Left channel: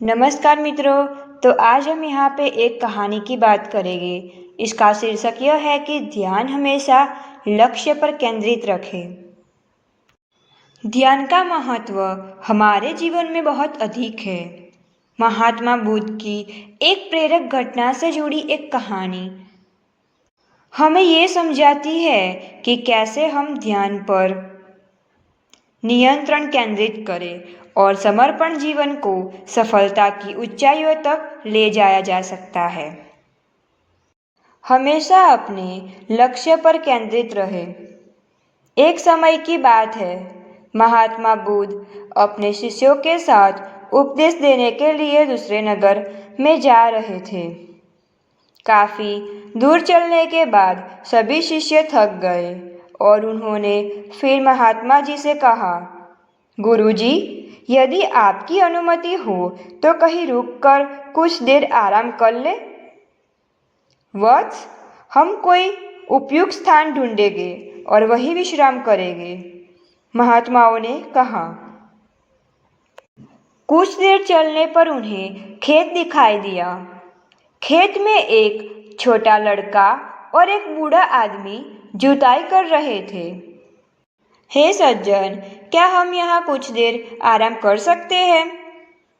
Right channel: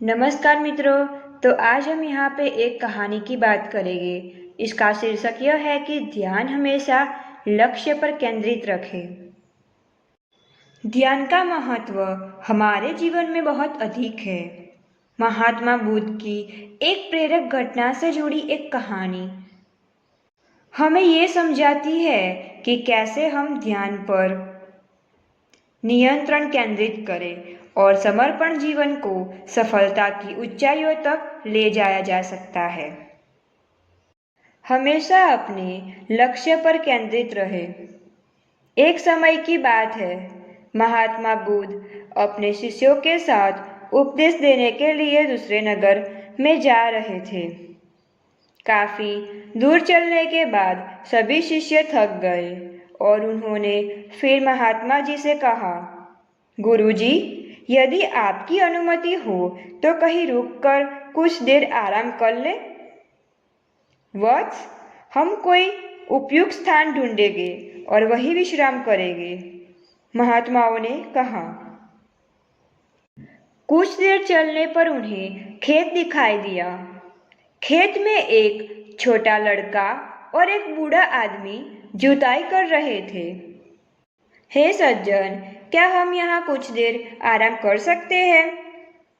नमस्कार मित्रों। तो आज हम यहाँ पे एक कहानी की बात करेंगे। इसका शीर्षक यह है कि ध्यान हमेशा लक्ष्य पर केंद्रित रखें। ध्यान का महत्व हमारे जीवन में बहुत अधिक है। महात्मा बुद्ध की एक प्रेरक घटना से जुड़ी एक कहानी हमें ये समझाती है कि कैसे हम ध्यान पर नियंत्रण केंद्रित करें और समर्पण जीवन को सफलता की ऊंचाइयों तक ले जाया जा सकता है। हमेशा अपने लक्ष्य पर केंद्रित रहे। एक समय की बात है, महात्मा बुद्ध अपने शिष्यों के साथ उपदेश देने के लिए दूसरे नगर में जा रहे थे। काफी दूर चलने के बाद सभी शिष्य थक गए और उन्होंने फिर महात्मा जी से कहा, गुरुजी, यदि आपकी अनुमति हो तो कहीं रुककर कुछ देर आराम कर ले। वत्स, हम कोई उपयुक्त स्थान ढूंढेंगे और वहीं विश्राम करेंगे, महात्माओं ने कहा। कुछ देर चलने पर उन्हें खेत दिखाई दिया। खेत में एक छोटा लड़का और एक बूढ़ा आदमी जुताई कर रहे थे। हे सज्जन, क्या हम यहाँ कुछ देर आराम कर सकते हैं?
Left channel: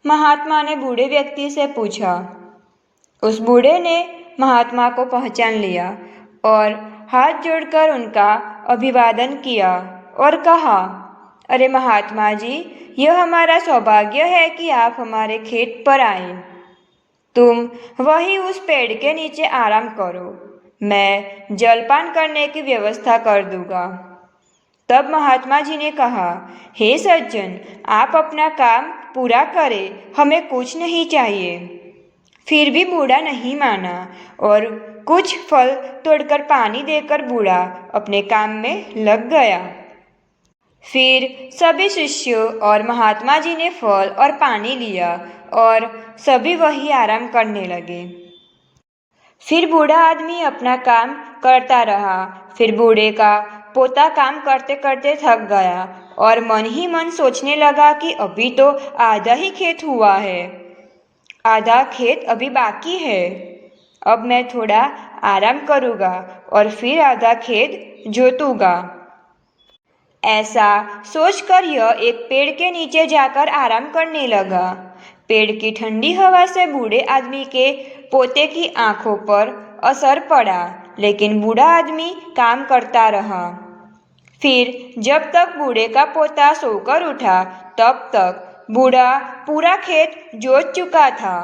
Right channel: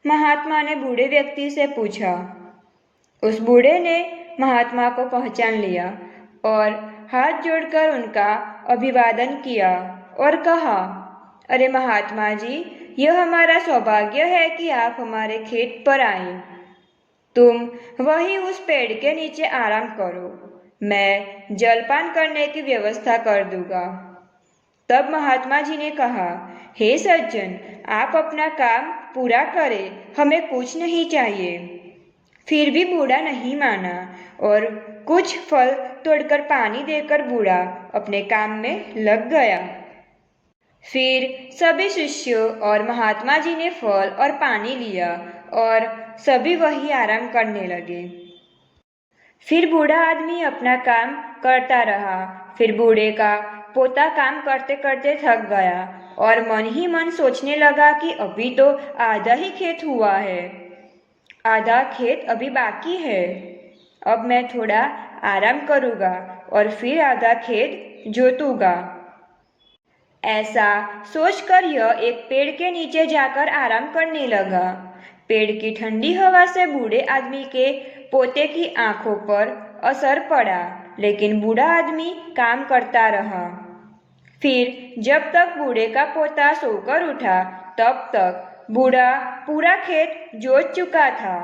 महात्मा ने बूढ़े व्यक्ति से पूछा। उस बूढ़े ने महात्मा को पहचान लिया और हाथ जोड़कर उनका अभिवादन किया और कहा, अरे महात्मा जी, यह हमारा सौभाग्य है कि आप हमारे खेत पर आए। तुम वहीं उस पेड़ के नीचे आराम करो, मैं जलपान करने की व्यवस्था कर दूंगा। तब महात्मा जी ने कहा, हे सज्जन, आप अपना काम पूरा करें, हमें कुछ नहीं चाहिए। फिर भी बूढ़ा नहीं माना और कुछ फल तोड़कर पानी देकर बूढ़ा अपने काम में लग गया। फिर सभी शिष्यों और महात्मा जी ने फल और पानी लिया और सभी वही आराम करने लगे। फिर बूढ़ा आदमी अपना काम करता रहा। फिर बूढ़े का पोता काम करते करते थक गया और मन ही मन सोचने लगा कि अभी तो आधा ही खेत हुआ है, आधा खेत अभी बाकी है। अब मैं थोड़ा आराम करूँगा और फिर आधा खेत जोतूंगा। ऐसा सोचकर यह एक पेड़ के नीचे जाकर आराम करने लगा। पेड़ की ठंडी हवा से बूढ़े आदमी के पोते की आंखों पर असर पड़ा, लेकिन बूढ़ा आदमी काम करता रहा। फिर जब तक बूढ़े का पोता सोकर उठा, तब तक बूढ़ा पूरा खेत जोत चुका था।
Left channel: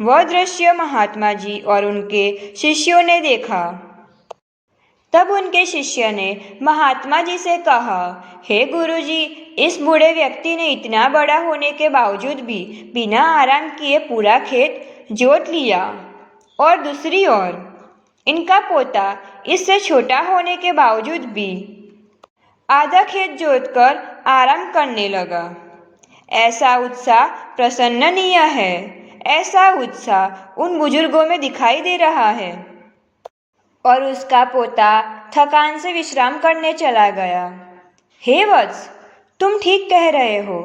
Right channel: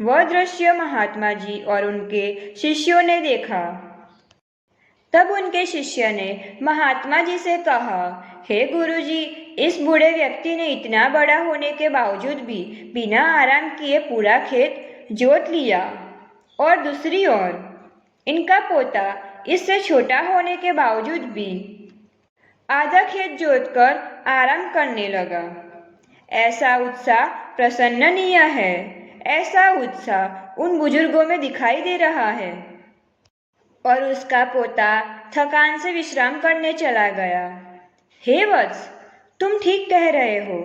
वह दृश्य महात्मा जी और उनके शिष्यों ने देखा। तब उनके शिष्य ने महात्मा जी से कहा, हे गुरुजी, इस बूढ़े व्यक्ति ने इतना बड़ा होने के बावजूद भी बिना आराम किए पूरा खेत जोत लिया, और दूसरी ओर इनका पोता इससे छोटा होने के बावजूद भी आधा खेत जोतकर आराम करने लगा। ऐसा उत्साह प्रशंसनीय है। ऐसा उत्साह उन बुजुर्गों में दिखाई दे रहा है। और उसका पोता थकान से विश्राम करने चला गया। हे वत्स, तुम ठीक कह रहे हो,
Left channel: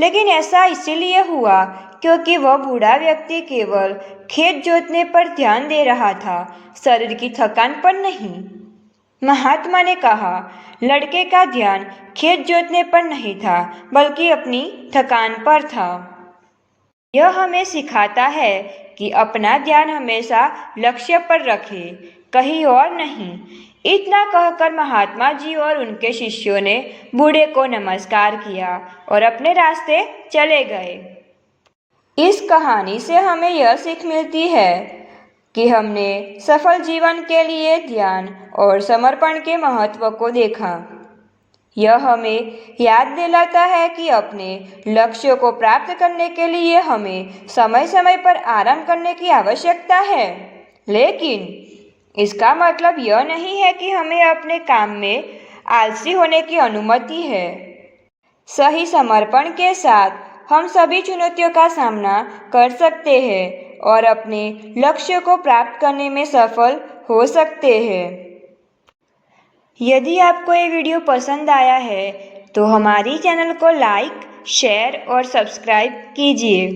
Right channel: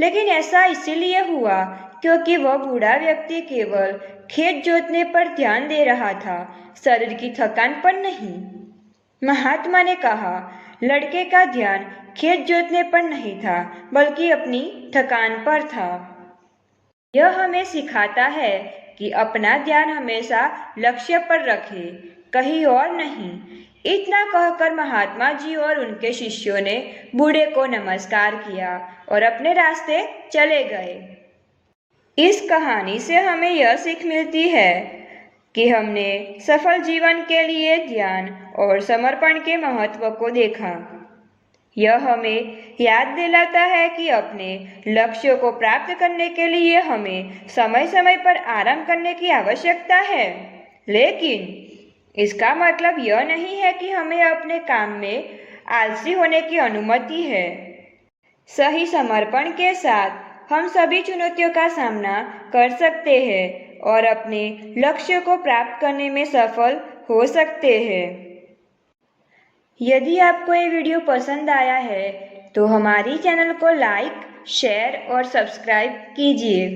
लेकिन ऐसा इसीलिए हुआ क्योंकि वह बूढ़ा व्यक्ति केवल खेत जोतने पर ध्यान दे रहा था, शरीर की थकान पर नहीं। महात्मा ने कहा, लड़के का ध्यान खेत जोतने पर नहीं था, बल्कि अपनी थकान पर था। यह हमें सिखाता है कि अपना ध्यान हमेशा लक्ष्य पर रखें, कहीं और नहीं। इतना कहकर महात्मा जी और उनके शिष्यों ने बूढ़े को नमस्कार किया और अपने रास्ते चले गए। इस कहानी से हमें यह सीख मिलती है कि हमने सफल जीवन के लिए ध्यान और समर्पण के महत्व को देखा। यह हमें याद दिलाता है कि अपने लक्ष्यों को प्राप्त करने के लिए हमें समय समय पर आराम करने की आवश्यकता है, लेकिन इसका मतलब यह नहीं है कि हमें अपने काम में आलसी होने की अनुमति है। सही समर्पण के साथ हम सभी चुनौतियों का सामना कर सकते हैं और अपने लक्ष्य को प्राप्त करने में सफल हो सकते हैं। यदि आपको ये वीडियो पसंद आया है तो हमारी चैनल को लाइक, शेयर और सब्सक्राइब कीजिए।